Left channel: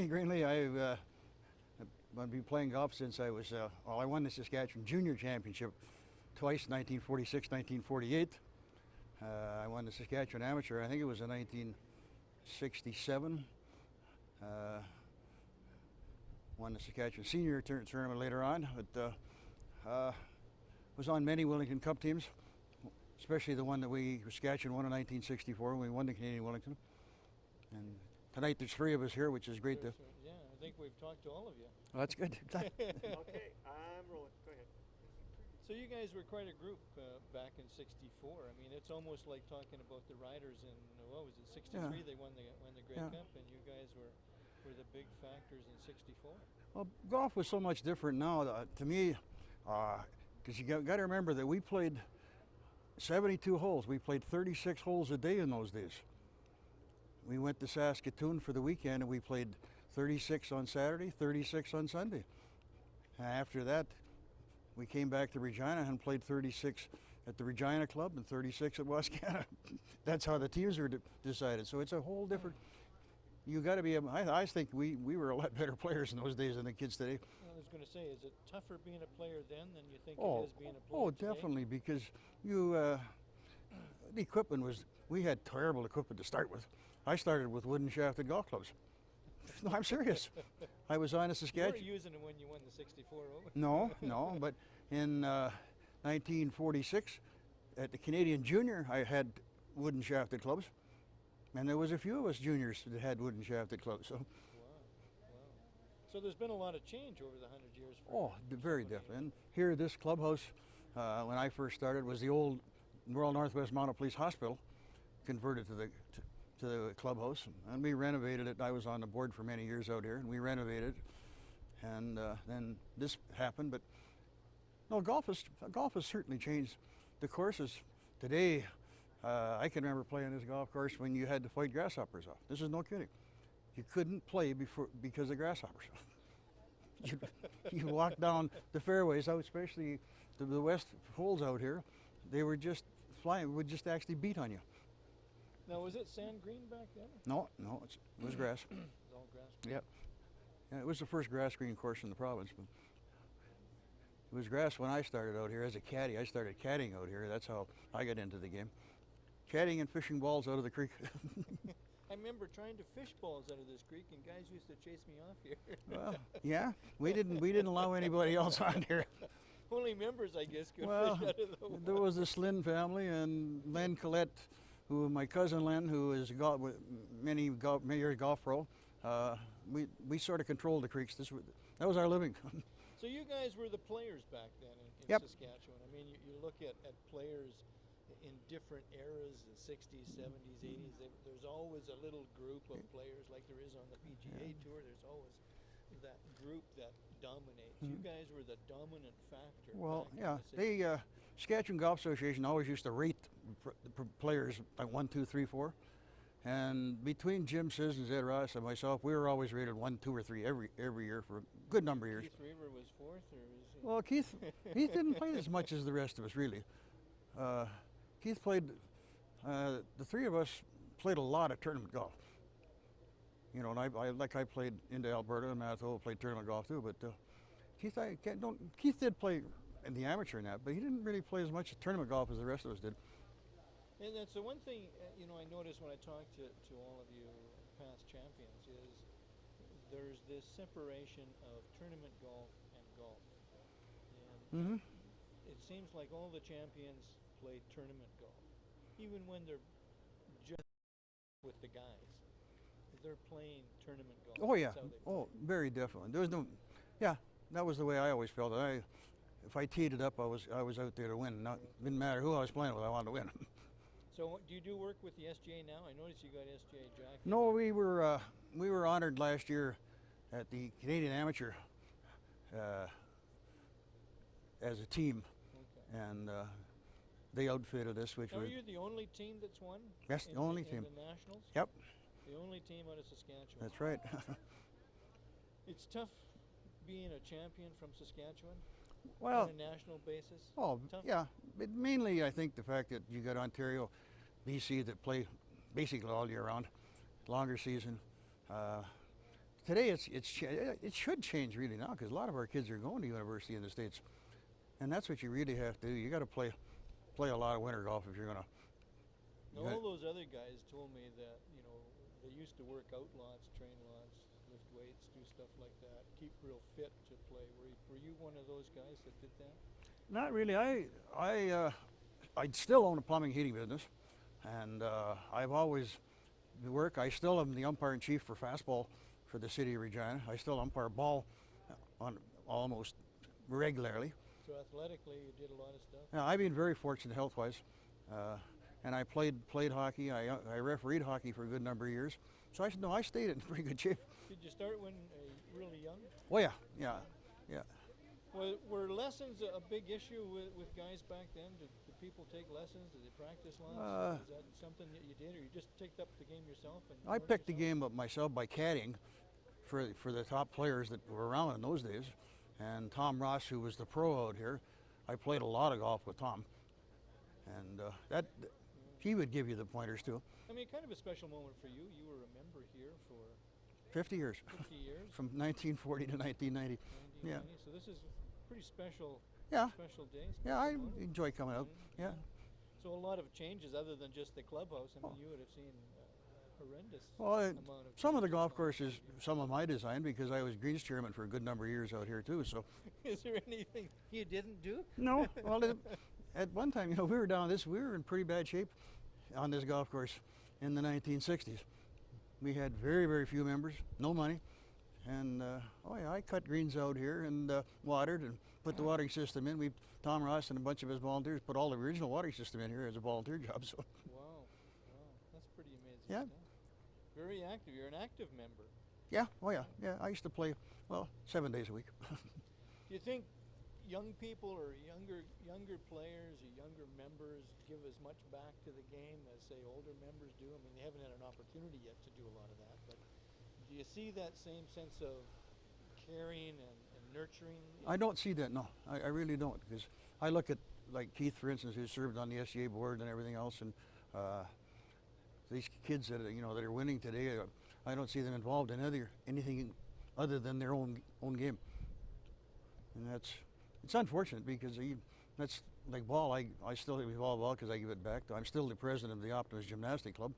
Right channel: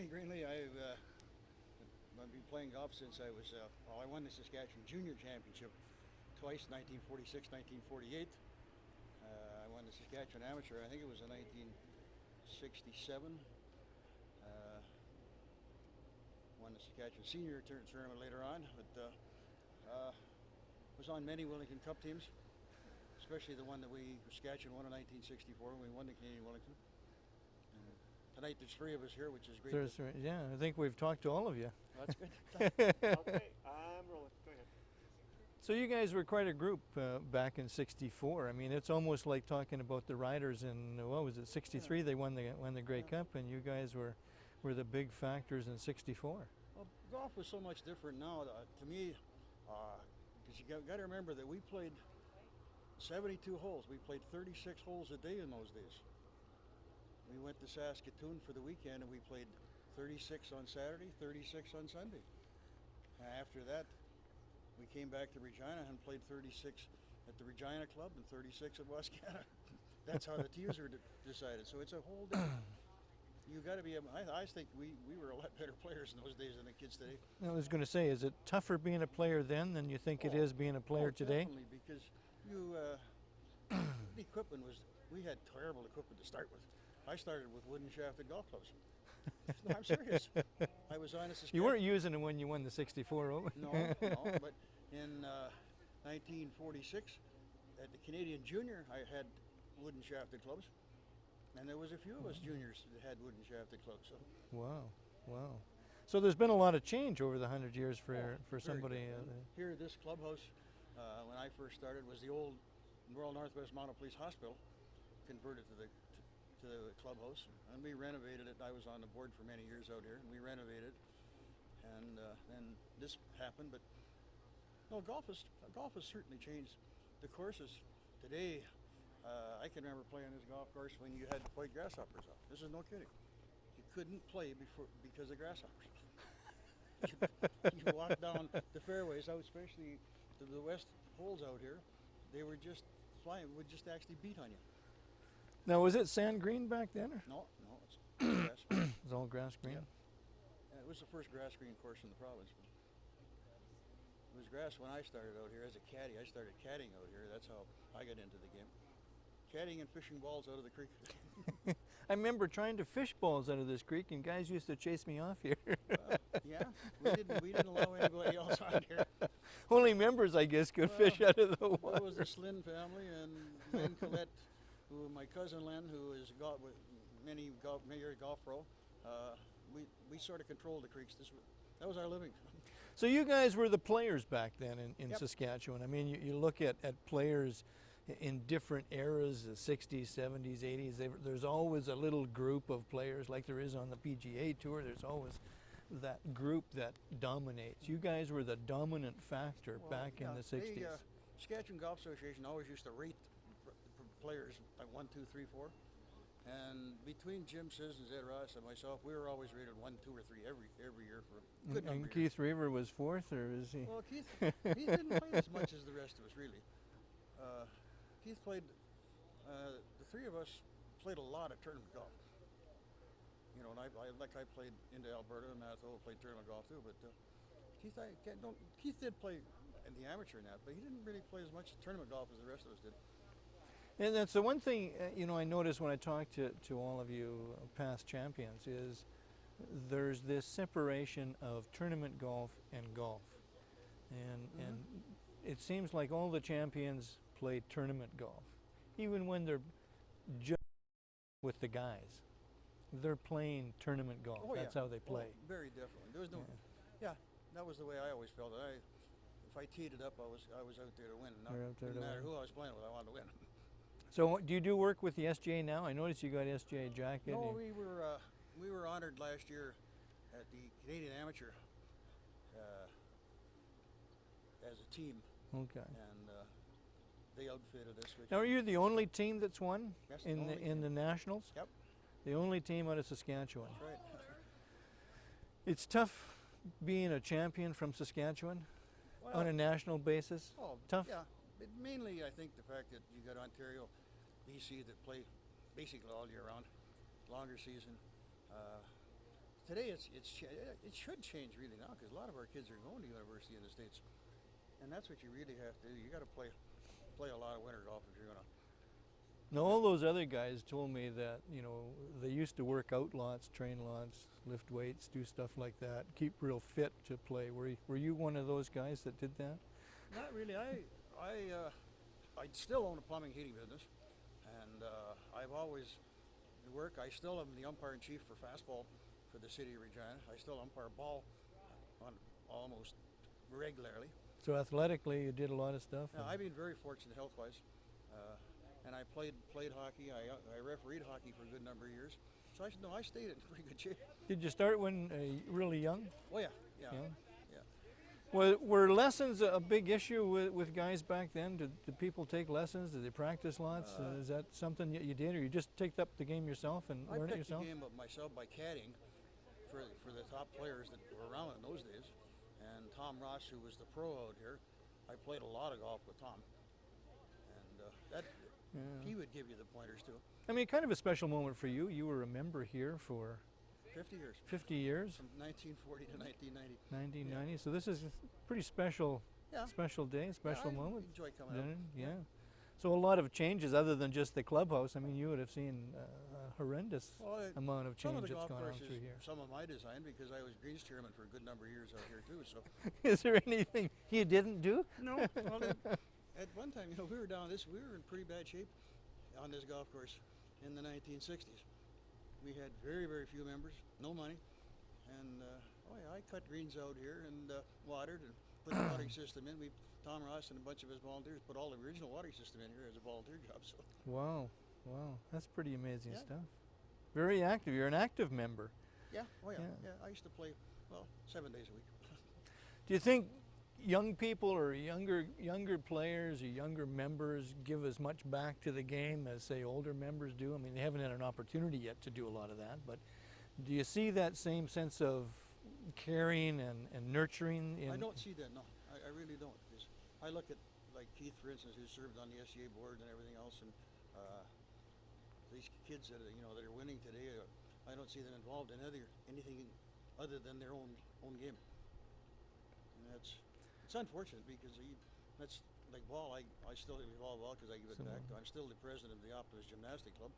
Ernie Greenley. I've been playing golf since I was, I won the Saskatchewan Junior Championship twice, 1946, 1948. I won the Saskatchewan Amateur, I think it was in 1967. Won the Saskatchewan Senior Tournament later on, but was on many Wellington Cup teams, especially the one that Saskatchewan won in 1964 when we won the Canadian Wellington. And tonight there's three of us here, which is great. Yeah, I think we've talked to all of you. Well, that's good. Okay, I'm rolling. Go ahead. So you guys were quite a group back in '64. I mean, it's almost like talking about the Riders in, what was it, '63? Yeah. They won the Grey Yeah. Cup, and you guys were the big factors in '64. Well, golf was so much different now to me, because you got to remember that we played 72 holes. We played 36 holes a day in those days. We went to Saskatoon for the weekend and we played 36 on Saturday, 36 on Sunday. After that, we came back to Regina and played 36 at the Regina Club and 36 at Wascana. That's how the teams were decided. So it's a whole different. You got to be. I think we were a lot better players in those days than the kids today. I was going to say, is it tougher being a player then than you think it is being a player today? Definitely, because the equipment was. We had terrible equipment to start with. I started with wooden shafted golf clubs. No, I'm serious. I was on a Saskatchewan. You weren't using it when you won the '64 Open. No, but in 1946, at the Canadian Junior, I had wooden shafted clubs, and there was a few of us juniors that had wooden shafted clubs. So, wow. So there's been a lot of change over the 100 years for very somebody. different. Here, this clubhouse, when I first started, was the old Royal Northwest Mounted Police Hospital, converted to the clubhouse, and we renovated it. I was on the board for many years out here, and we renovated, and then this happened. But no, golf has certainly changed. The courses today, I can remember playing this golf course when you had to fight grasshoppers off. This is no kidding. You couldn't play because of grasshoppers. you walk down the fairways out, especially the west holes out here. They were just flying. Would just actually beat on you. Now, was it sand green back then? No, it's grass. It was all grass green. Yep. Yeah, it was the first grass green course in the province. But it was grass when I started out here as a caddy. I started caddying out here. That's how I got into the game. Caddying and fishing balls out of the creek. I remember trying to fish balls out of this creek, and guys used to chase me off here. Well, yeah, we didn't allow anybody else on here. Only members, I guess, could fish out of the water. There was the Slynn family and Len Collette, my cousin Len, who is many years golf pro. We sort of controlled the creeks. That was our living. So you guys were the players back then in Yep. Saskatchewan. I mean, you look at players in different eras, the 60s, 70s, 80s. There's always a little group of players, like there is on the PGA Tour. There's always that group that dominates. You guys were the dominant factor back in the 60s. The Saskatchewan Golf Association always used to rate the players like 1, 2, 3, 4. And between Jim Sissons, Ed Ross, and myself, we were always rated 1, 2, or 3 every year for a good number of years. Keith Reaver was fourth, or is he? Well, Keith didn't play as much as the rest of us, really. Keith played. The three of us played a lot of tournament golf. You know, and I played into Alberta and Manitoba, played tournament golf too. But Keith did play in the amateur and that, but he didn't really play as much tournament golf as the rest of us did. And that's the one thing, I noticed when I talk to all of you past champions is there's this separation of tournament golf and golf. And it seems like all the champions play tournament golf. Even when they're just with the guys, they're playing tournament golf. Oh yeah. That's how they play. Oh, very definitely. There was no, that was the way I always felt. If I teed it up, I was out there to win. Didn't matter who I was playing with, I wanted to win. So do you do work with the SGA now? I noticed you got SGA jacket. No, we were honored last year at the Canadian Amateur as a team. Okay. And they outfitted us. Now, are you the only team that's won? Yes, in the only team. In the Nationals? Yep. The only team out of Saskatchewan. That's right. It's tough being a champion from Saskatchewan Well, on a national basis. Oh, tough. yeah. But mainly, I think the fact that you got Ontario, BC that play basically all year round, longer season. today it should change really now because a lot of our kids are going to university in the States, and that's what you really have to do. You got to play a lot of winter golf if you're gonna. Now, all those other guys told me that, you know, they used to work out lots, train lots, lift weights, do stuff like that, keep real fit to play. Were you one of those guys that did that? Not really. I still own a plumbing heating business, and I've always work. I still am the umpire in chief for fastball for the city of Regina. I still umpire ball on almost regularly. So athletically, you did a lot of stuff? Now, I've been very fortunate health-wise, and I played hockey. I refereed hockey for a good number of years, so I stayed in pretty good shape. Did you start when really young? Oh yeah. Were lessons a big issue with guys back then? Did people take lessons? Did they practice lots? Is that something you did, or you just picked up the game yourself and I learned it picked the yourself? game up myself by caddying for the top players that were around in those days. And Tom Ross, who was the pro out here, I played a lot of golf with Tom, and he would give you the pointers too. I mean, kind of a special moment for you. You were a member here for 50 years. 50 years? From 1940 to 1990. 1990. So this is a pretty special, Yeah. Yeah, special day, special I moment. enjoy coming out. Yeah. So a lot of changes other than just the clubhouse. I mean, you would have seen a horrendous Well, amount of change. some of the that's golf gone on courses, through here. some of my design, because I was greens chairman for a good number of years out here too. So Is there anything you didn't do? no, well, at one time, we were we were in pretty bad shape on this golf course in the 1960s. We had very, very few members, no money, and I cut greens out here and watered and put the watering system in. Tom Ross and a bunch of his volunteers put all the original watering system in here as a volunteer job. So Wow, that's pretty amazing Yeah. stuff. Very active. You're an active member. yeah, Yeah. I used to play 7 days a week. Do you think young people or younger players or younger members give as much back to the game as, say, older members do? I mean, they haven't had an opportunity yet to do a lot of that, but do you see that same sense of caring and nurturing? I don't see that, no. I really don't, because I look at, like Keith, for instance, who served on the SCA board and everything else, and these kids that that are winning today, I don't see them involved in anything other than their own game, and it's unfortunate because that's like ball. I still evolve ball because I give it back. I'm still the president of the Optimist Gymnastic Club.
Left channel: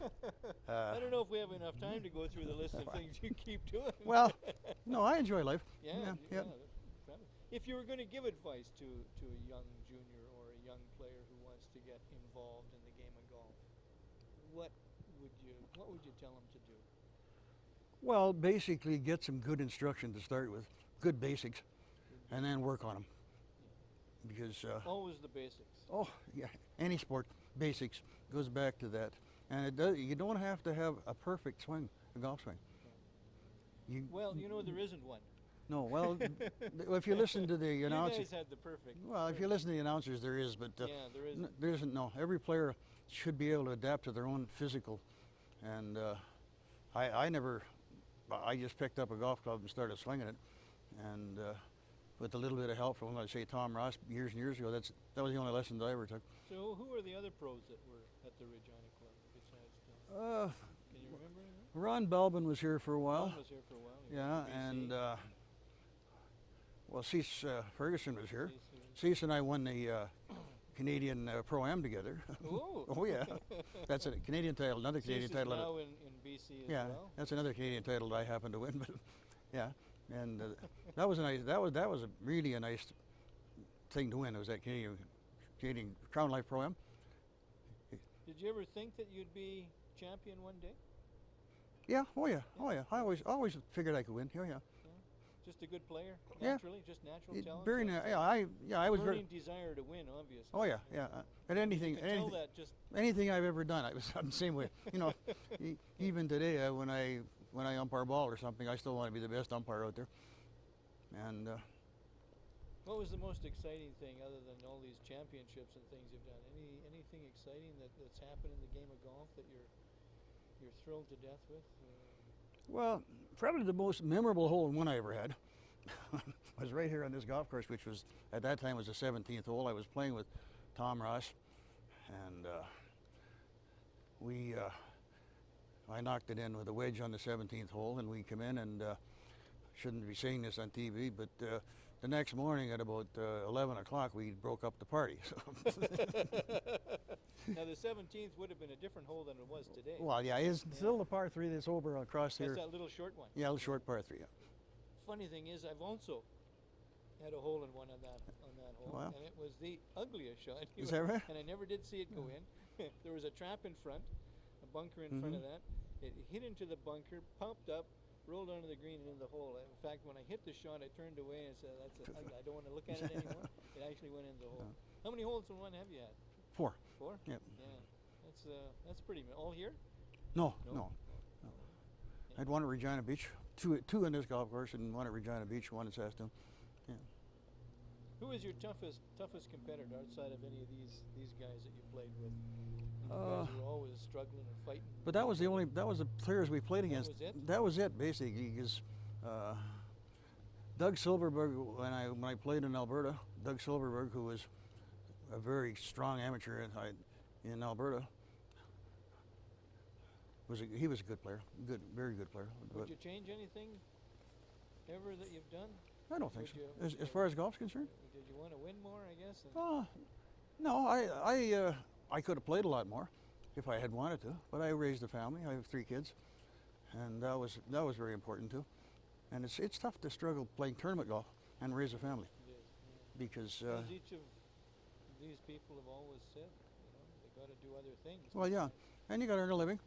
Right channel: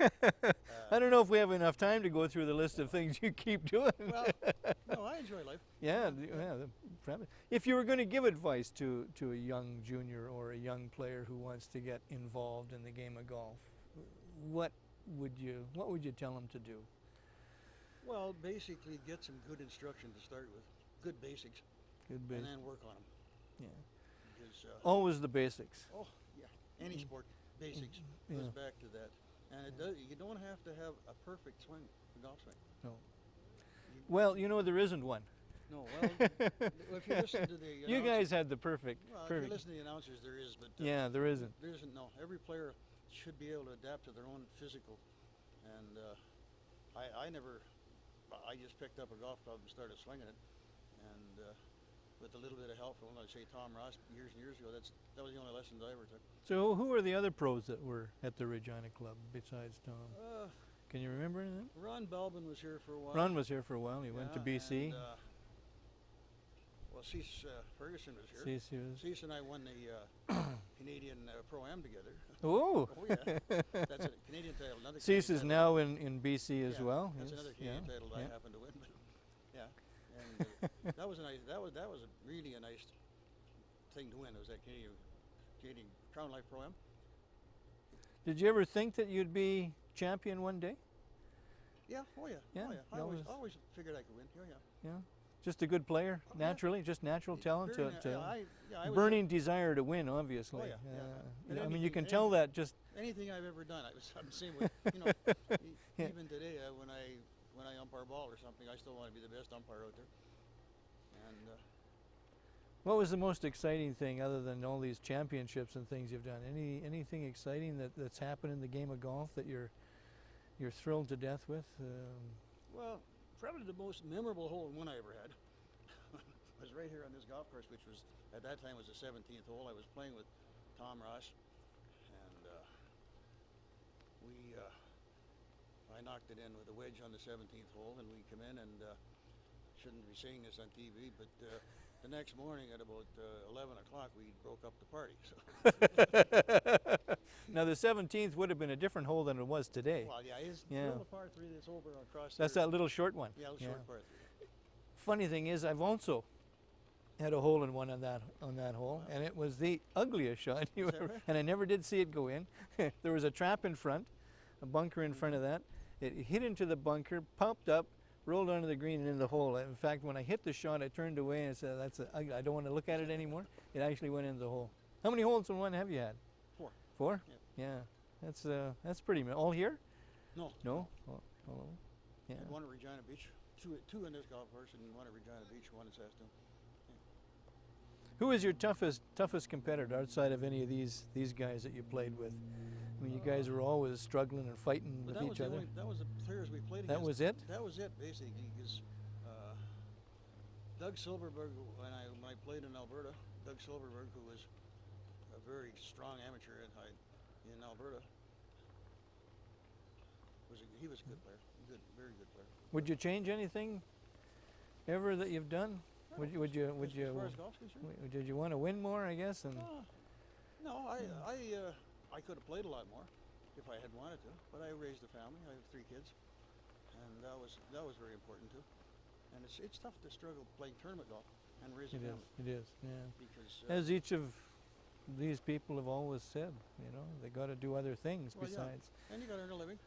And I don't know if we have enough time to go through the list of things you keep doing. well, no, I enjoy life. yeah. Probably. If you were going to give advice to a young junior or a young player who wants to get involved in the game of golf, what would you tell them to do? Well, basically, get some good instruction to start with, good basics, and then work on them. Yeah. Because Always the basics. oh yeah, any sport basics goes back to that, and it does. You don't have to have a perfect swing, a golf swing. No. You, Well, there isn't one. no, well, if you listen to the You announcers, guys had the perfect. well, if you listen to the announcers, there is, but Yeah, there isn't. there isn't. No, every player should be able to adapt to their own physical, and I just picked up a golf club and started swinging it, and with a little bit of help from, let's say, Tom Ross years and years ago. That was the only lessons I ever took. So who are the other pros that were at the Regina Club besides Tom? Can you remember anything? Ron Belbin was here for a while. Ron was here for a while. He went to BC. And, well, Cease Ferguson was here. Cease here. Cease and I won the Canadian Pro-Am together. Oh. Oh yeah, that's a Canadian title. Another Cease Canadian is title. now in BC as Yeah, well. That's Yes, another Canadian yeah. title that I happened to win. But yeah, and that was a nice. That was a really a nice thing to win. It was that Canadian Crown Life Pro-Am. Did you ever think that you'd be champion one day? Yeah. Oh yeah. Yeah, Oh yeah. I that always was- figured I could win. Oh yeah. Yeah. Just a good player, Yeah. naturally, just natural talent. Very to- na- to- yeah. I was burning desire to win, obviously. Oh, yeah, yeah. But I mean, you anything- can tell that just. anything I've ever done, I'm the same way. Even today, when I umpire ball or something, I still want to be the best umpire out there. And What was the most exciting thing, other than all these championships and things you've done? Anything exciting that's happened in the game of golf that you're thrilled to death with? well, probably the most memorable hole in one I ever had was right here on this golf course, which was at that time was the 17th hole. I was playing with Tom Ross, and I knocked it in with a wedge on the 17th hole, and we come in, and shouldn't be saying this on TV, but the next morning at about 11 o'clock, we broke up the party. So. Now the 17th would have been a different hole than it was today. Well, yeah, it's Yeah. still the par 3 that's over across there. That's that little short one. Yeah, the short par 3. Yeah. Funny thing is, I've also had a hole in one on that hole, Wow. and it was the ugliest shot. Is that right? And I never did see it go in. There was a trap in front, a bunker in front of that. It hit into the bunker, popped up, rolled onto the green and in the hole. In fact, when I hit the shot, I turned away and said, I don't want to look at it anymore. It actually went into the hole. How many holes in one have you had? 4. 4? Yep. Yeah, that's pretty. All here? No. No. Oh, oh, yeah. I'd one at Regina Beach, two in this golf course, and one at Regina Beach, one at Saskatoon. Yeah. Who is your toughest competitor outside of any of these guys that you played with? I mean, you guys were always struggling and fighting. But with that was each the other. that was the players we played against. That was it? That was it, basically, because Doug Silverberg, when I played in Alberta, Doug Silverberg, who was a very strong amateur in Alberta, he was a good player, very good player. Would But you change anything ever that you've done? I don't think so. As far as golf's concerned? Did you want to win more, I guess? And No, I could have played a lot more if I had wanted to, but I raised a family. I have 3 kids, and that was very important too. And it's tough to struggle playing tournament golf and raise a family It is, yeah. because As each of these people have always said, they got to do other things well, besides. yeah, and you got to earn a living.